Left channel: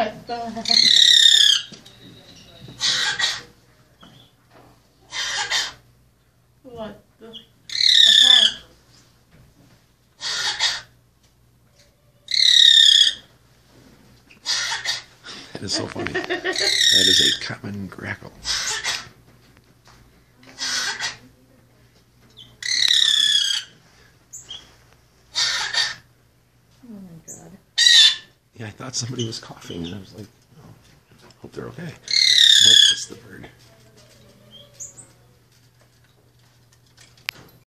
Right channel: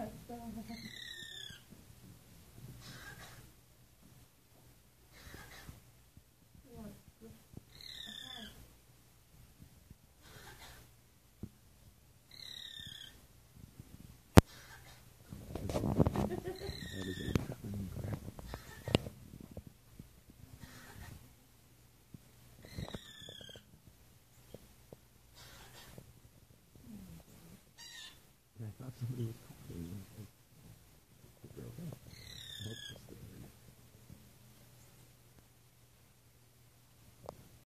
What the heck? What the heck? That is so funny. That is a common grackle. Oh my god. Yeah, I thought somebody was coughing, and I was like, oh, hope they're okay. Nope, it's the bird.